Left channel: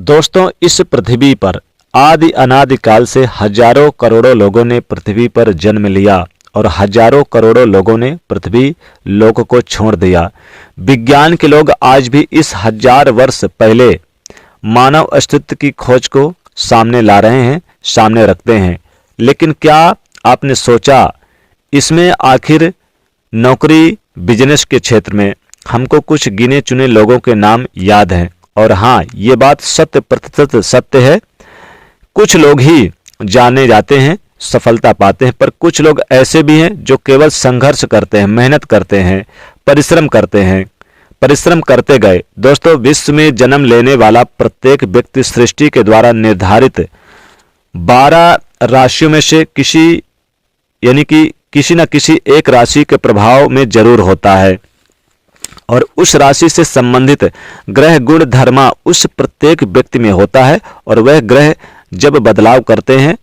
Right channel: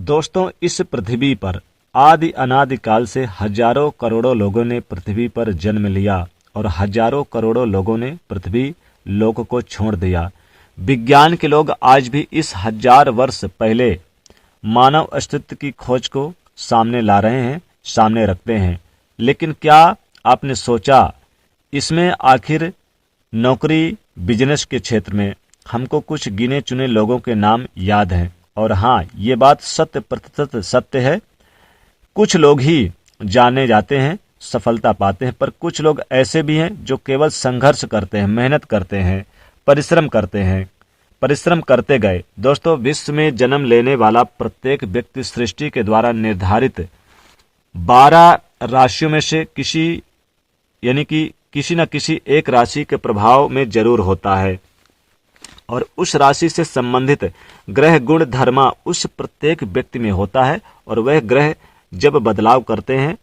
दोस्तों, इस पृथ्वी पर आदि अनादि काल से हजारों करोड़ों लोगों ने पृथ्वी पर जन्म लिया और हजारों करोड़ों लोगों ने पृथ्वी लोक को छोड़ दिया। विज्ञान के लोग आज भी इस 1000 वर्ष पहले मानव अस्तित्व की खोज को सामने ला रहे हैं, सामने रखते हैं। लेकिन क्या आपने सोचा इसमें आखिर नौकरी बिजनेस के क्षेत्र में हमको कुछ गिने चुने लोगों के नाम याद हैं। और हाँ, ये बात 100% सत्य है। कुछ लोग ही जाने जाते हैं, सफलता पाते हैं, पर कुछ लोग ऐसे भी हैं जो केवल संघर्ष करते हैं, मेहनत करते हैं, परिश्रम करते हैं, परिश्रम करते गए। दोस्तों, विश्व में जन्म लेने वाला प्रत्येक व्यक्ति सृष्टि के द्वारा निर्धारित 12 राशियों में से किसी न किसी एक राशि के प्रभाव में जरूर होता है और उस राशि से संबंधित ग्रह गुण धर्मा उस प्रत्येक व्यक्ति में होता है। और वह ग्रह जब बदलाव करते हैं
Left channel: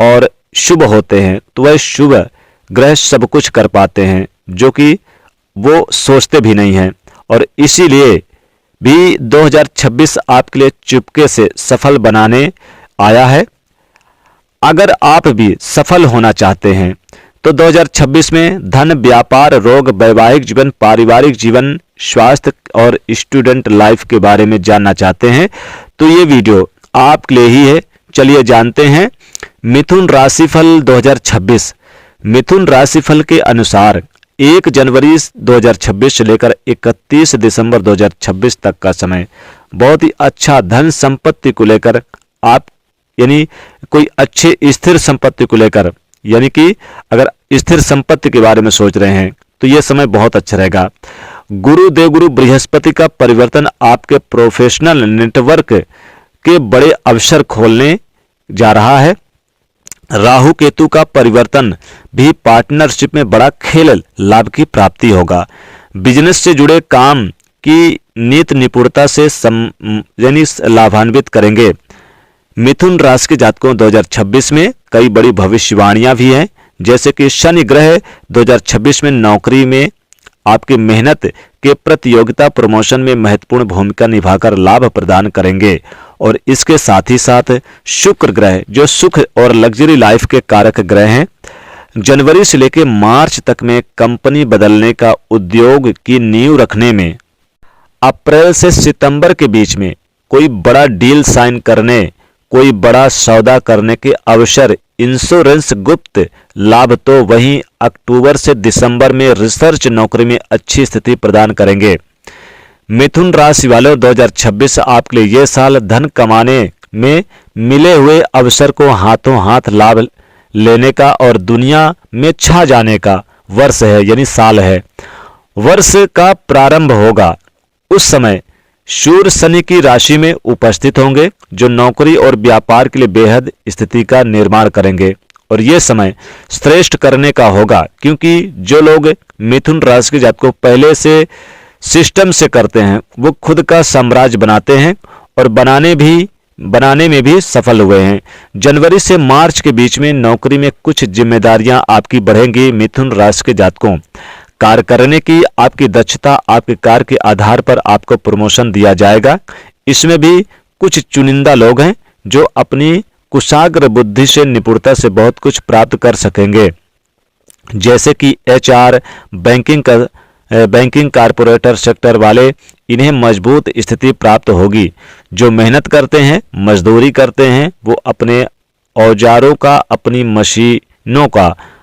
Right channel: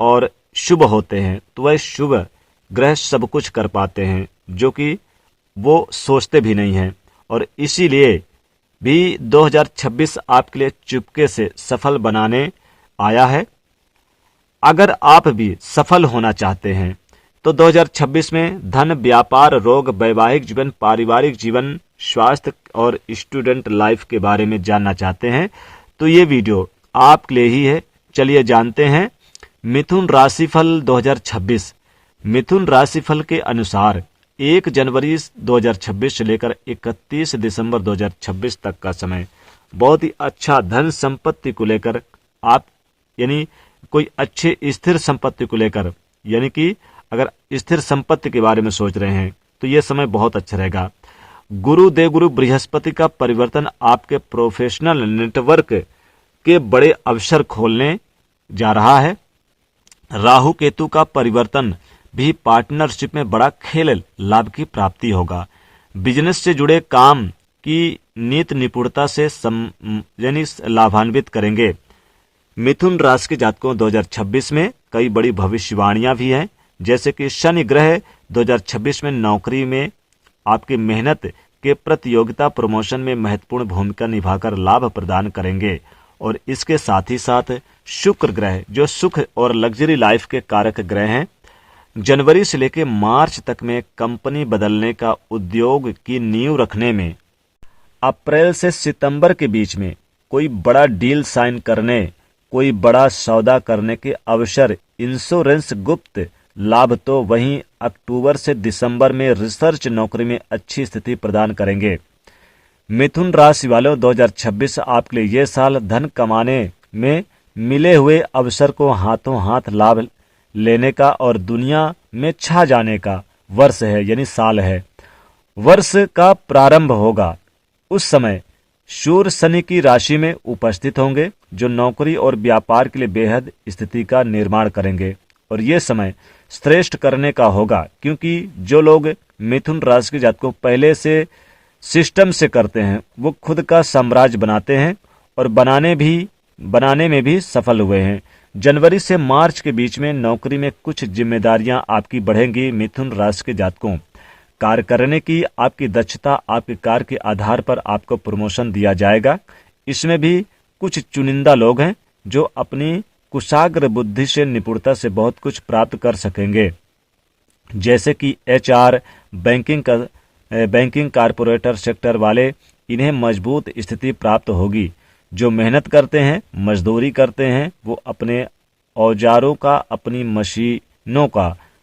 और शुभ होते हैं तो वह शुभ ग्रह सब कुछ कर पाते हैं जो कि वो सोचते भी नहीं हैं। और इसीलिए भी 2026 आपके लिए चुपके से सफल बनाने आया है। अगर आप भी सफल होना चाहते हैं तो 2026 में धन, व्यापार, रोग, वैवाहिक जीवन, पारिवारिक जीवन, स्वास्थ्य और स्टूडेंट लाइफ के बारे में जानना चाहते हैं तो ये वीडियो आपके लिए ही है। चलिए जानते हैं मिथुन राशिफल 2026। मिथुन राशिफल के अनुसार 1 जनवरी 2026 से लेकर 31 दिसंबर 2026 तक का समय बहुत ही अच्छा धन संपत्ति को लेकर आप यानी कोई अच्छे स्थिर संपत्ति को लेकर यानी कि अगर स्थिर संपत्ति के बारे में सोच रहे हैं तो यह समय बहुत अच्छा रहेगा। गुरु देवगुरु बृहस्पति का परिवर्तन आपके प्रोफेशनल नेटवर्क के बड़े अवसर खोलने जा रहा है। राहु केतु का परिवर्तन भी पार्टनरशिप में बड़ा खेल लाभ की प्राप्ति होगा। बिजनेस से जुड़े काम की नीति निपुणता से यानी लाभान्वित करेंगे। मिथुन राशि के जातकों 2026 में कई बड़ी भविष्यवाणियां भी हैं, जैसे कि शनि ग्रह 2026 में नौकरी में आपकी मेहनत के प्रतियोगिता प्रमोशन में महत्वपूर्ण भूमिका निभाकर लाभ प्रदान करेंगे। और इसके साथ ही साथ शुक्र ग्रह जो सुख और लग्जरी लाइफ के कारक ग्रह हैं, जनवरी से लेकर मार्च तक में कंपनी बदलने का उद्योग की नींव रखने में, अप्रैल से सितंबर के बीच में कोई बड़ा डील साइन करने, कोई बड़ा सौदा करने के अवसर, इंश्योरेंस गुप्त लाभ, तो वहीं अक्टूबर से दिसंबर में रिसर्च नौकरी में अच्छी स्थिति प्रदान करेंगे। मिथुन राशि वालों 2026 आपके लिए यह साल धन कमाने में मिले हुए अवसर को हाथों हाथ लाभ लेने का और दुनिया में छा जाने का वर्ष है, यानी साल है। वर्ष का प्रारंभ होगा उस समय सूर्य शनि की राशि में उपस्थित होंगे जो नौकरी और व्यापार के लिए बेहद स्थिति का निर्माण करेंगे। और ये समय श्रेष्ठ करने का होगा क्योंकि जो लोग मिथुन राशि के जातकों पहले से सिस्टम से करते हैं वो खुद का साम्राज्य बनाते हैं और बनाने में भी सफल हुए हैं। जनवरी से मार्च के बीच में नौकरी में कुछ जिम्मेदारियां आपकी बढ़ेंगी। मिथुन राशि के जातकों कार्य करने की आपकी दक्षता, आपके कार्य के आधार पर आपको प्रमोशन दिया जाएगा। इसमें भी कुछ चुनिंदा लोग हैं जो अपनी कुशाग्र बुद्धि से, निपुणता से बहुत कुछ प्राप्त कर सकेंगे, जैसे कि HR, बैंकिंग कारपोरेटर सेक्टर वाले, इन्हें मजबूत स्थिति प्राप्त होगी। जो मेहनत करते हैं, मजदूरी करते हैं, वो अपने औजारों का, अपनी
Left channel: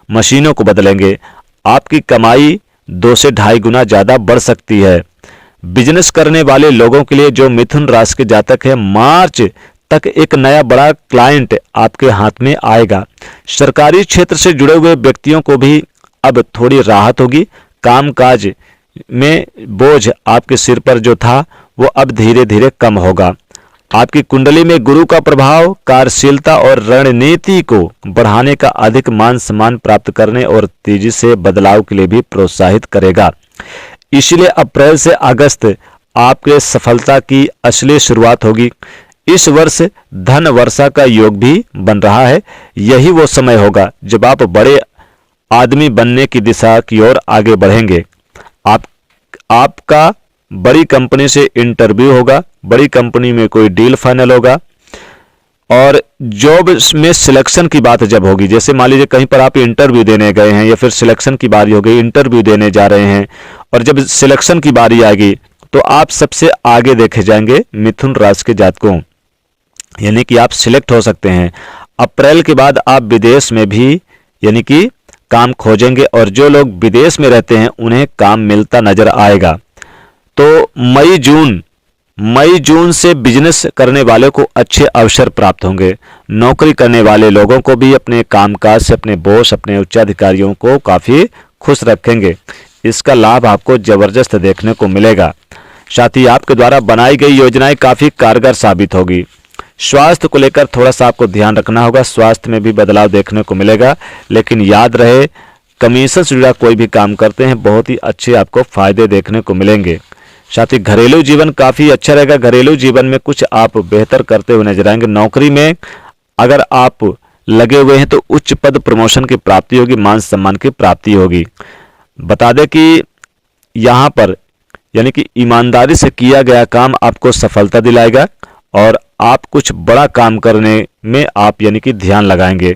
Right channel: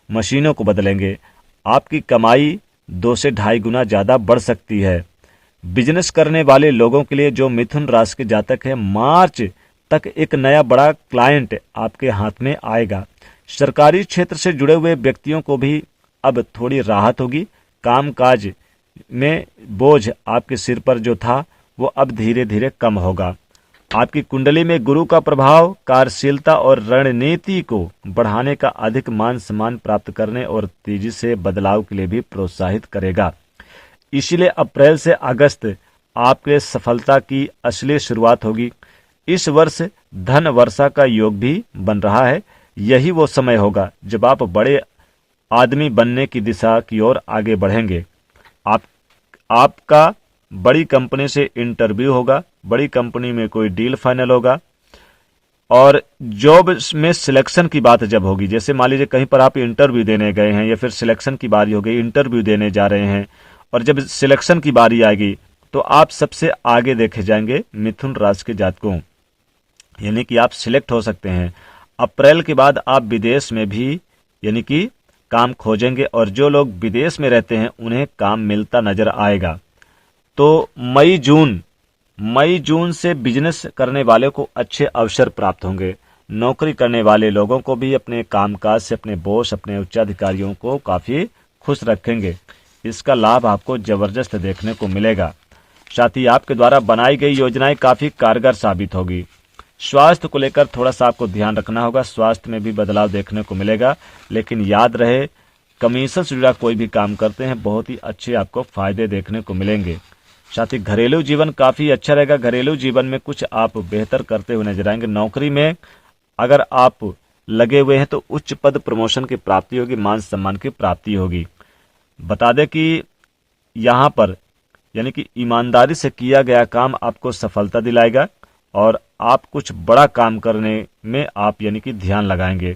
मशीनों को बदलेंगे। आपकी कमाई 2 से 2.5 गुना ज़्यादा बढ़ सकती है। बिजनेस करने वाले लोगों के लिए जो मिथुन राशि के जातक है, मार्च तक एक नया बड़ा क्लाइंट आपके हाथ में आएगा। सरकारी क्षेत्र से जुड़े हुए व्यक्तियों को भी अब थोड़ी राहत होगी। कामकाज में बोझ आपके सिर पर जो था वो अब धीरे धीरे कम होगा। आपकी कुंडली में गुरु का प्रभाव कार्यशीलता और रणनीति को बढ़ाने का, अधिक मान सम्मान प्राप्त करने और तेजी से बदलाव के लिए भी प्रोत्साहित करेगा। इसलिए अप्रैल से अगस्त आपके सफलता की असली शुरुआत होगी। इस वर्ष धन वर्षा का योग भी बन रहा है। यही वो समय होगा जब आप बड़े आदमी बनने की दिशा की ओर आगे बढ़ेंगे। आपका बड़ी कंपनी से इंटरव्यू होगा, बड़ी कंपनी में कोई डील फाइनल होगा, और जॉब में सिलेक्शन की बात जब होगी, जैसे मान लीजिए कहीं पर आप इंटरव्यू देने गए हैं या फिर सिलेक्शन की बारी हो गई, इंटरव्यू देने जा रहे हैं और जब सिलेक्शन की बारी आएगी तो आप सबसे आगे देखे जाएंगे मिथुन राशि के जातकों, यानी कि आप सिलेक्ट हो सकते हैं। अप्रैल के बाद आप विदेश में भी यानी कि काम खोजेंगे और जो लोग विदेश में रहते हैं उन्हें काम मिलता नजर आएगा। तो मई जून से बिजनेस करने वाले को अच्छे अवसर प्राप्त होंगे। नौकरी करने वाले लोगों को भी अपने कामकाज से अपने बॉस, अपने उच्चाधिकारियों को काफ़ी खुश रखेंगे। इसका लाभ आपको ज़बरदस्त देखने को मिलेगा। साथ ही आपके द्वारा बनाई गई योजनाएं काफ़ी कारगर साबित होगी। स्वास्थ्य को लेकर थोड़ा सा आपको ध्यान रखना होगा, स्वास्थ्य में भी बदलाव देखने को मिलेगा, लेकिन याद रहे कमीशन से जुड़ा कोई भी काम करते हैं बहुत ही अच्छे आपको फायदे देखने को मिलेंगे। साथ ही घरेलू जीवन काफ़ी अच्छा रहेगा। घरेलू जीवन में कुछ आप बेहतर करते हुए नजर आएंगे। नौकरी में अगर आप लगे हुए हैं तो उच्च पद प्रमोशन की प्राप्ति होगी, मान सम्मान की प्राप्ति होगी। बता दें कि यहाँ पर यानी कि ईमानदारी से किया गया काम आपको सफलता दिलाएगा और आप कुछ बड़ा काम करने में आप यानी कि ध्यान लगाएंगे।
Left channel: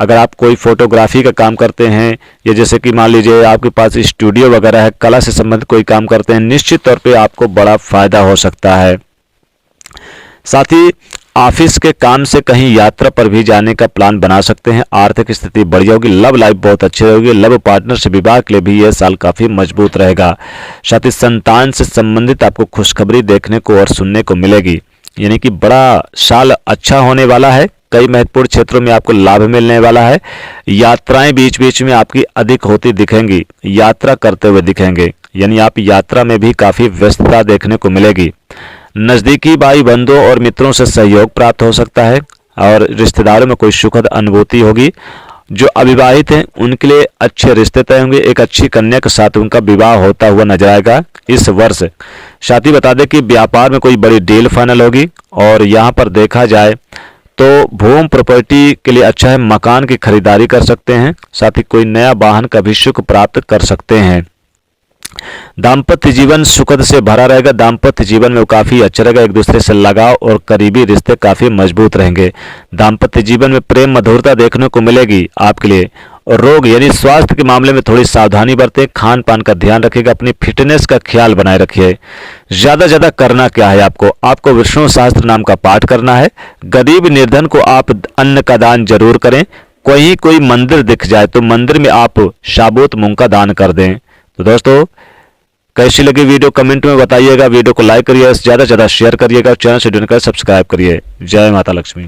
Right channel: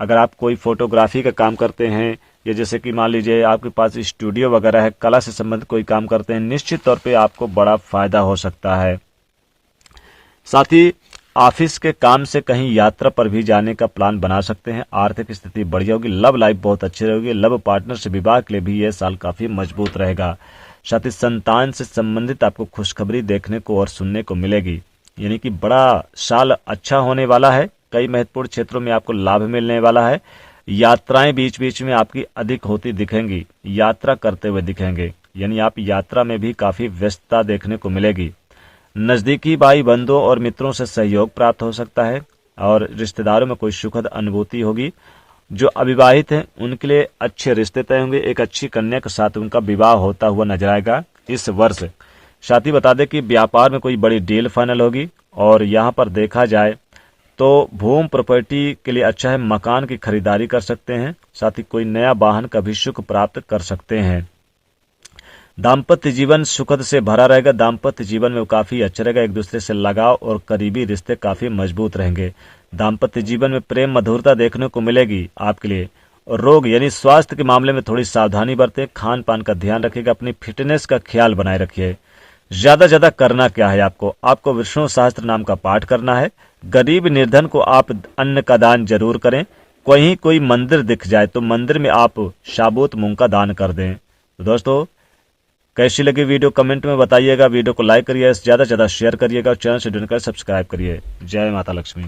अगर आप कोई फोटोग्राफी का काम करते हैं या जैसे कि मान लीजिए आपके पास स्टूडियो वगैरह है, कला से संबंधित कोई काम करते हैं, निश्चित तौर पे आपको बड़ा फायदा हो सकता है। साथ ही ऑफिस के काम से कहीं यात्रा पर भी जाने का प्लान बना सकते हैं। आर्थिक स्थिति बढ़िया होगी। लव लाइफ बहुत अच्छी रहेगी। लव पार्टनर से विवाह के लिए भी यह साल काफ़ी मजबूत रहेगा। साथ ही संतान से संबंधित आपको खुशखबरी देखने को और सुनने को मिलेगी, यानी कि बड़ा साल अच्छा होने वाला है। कई महत्वपूर्ण क्षेत्रों में आपको लाभ मिलने वाला है। यात्राएं बीच बीच में आपकी अधिक होती दिखेंगी, यात्रा करते हुए दिखेंगे, यानी आप यात्रा में भी काफ़ी व्यस्तता देखने को मिलेगी। नज़दीकी भाई बंधुओं और मित्रों से सहयोग प्राप्त हो सकता है और रिश्तेदारों में कोई सुखद अनुभूति होगी। जो अविवाहित हैं उनके लिए अच्छे रिश्ते तय होंगे। एक अच्छी कन्या के साथ उनका विवाह होता हुआ नजर आएगा इस वर्ष। साथ ही बता दें कि व्यापार में कोई बड़ी डील फाइनल होगी और यहाँ पर देखा जाए तो भूमि प्रॉपर्टी के लिए अच्छा है। मकान की खरीदारी कर सकते हैं। साथ ही कोई नया वाहन का भी सुख प्राप्त कर सकते हैं। दाम्पत्य जीवन सुखद से भरा रहेगा। दाम्पत्य जीवन में काफ़ी अच्छा रहेगा। एक दूसरे से लगाव और करीबी रिश्ते काफ़ी मजबूत रहेंगे। दाम्पत्य जीवन में प्रेम मधुरता देखने को मिलेगी आपके लिए। और रोग यानी स्वास्थ्य के मामले में थोड़ी सावधानी बरतें। खान पान का ध्यान रखिएगा। अपनी फिटनेस का ख्याल बनाए रखिए। ज़्यादा करना क्या है, आपको विष्णु सहस्त्र नाम का पाठ करना है। गरीब निर्धन को आप अन्न का दान जरूर करें। कोई मंदिर दिख जाए तो मंदिर में आप साबुत मूंग का दान कर दें। तो दोस्तों कैसी लगी वीडियो कमेंट में बताइएगा। वीडियो को लाइक करिए, ज़्यादा से ज़्यादा शेयर करिएगा। चैनल से जुड़कर सब्सक्राइब करिए। जय माता लक्ष्मी।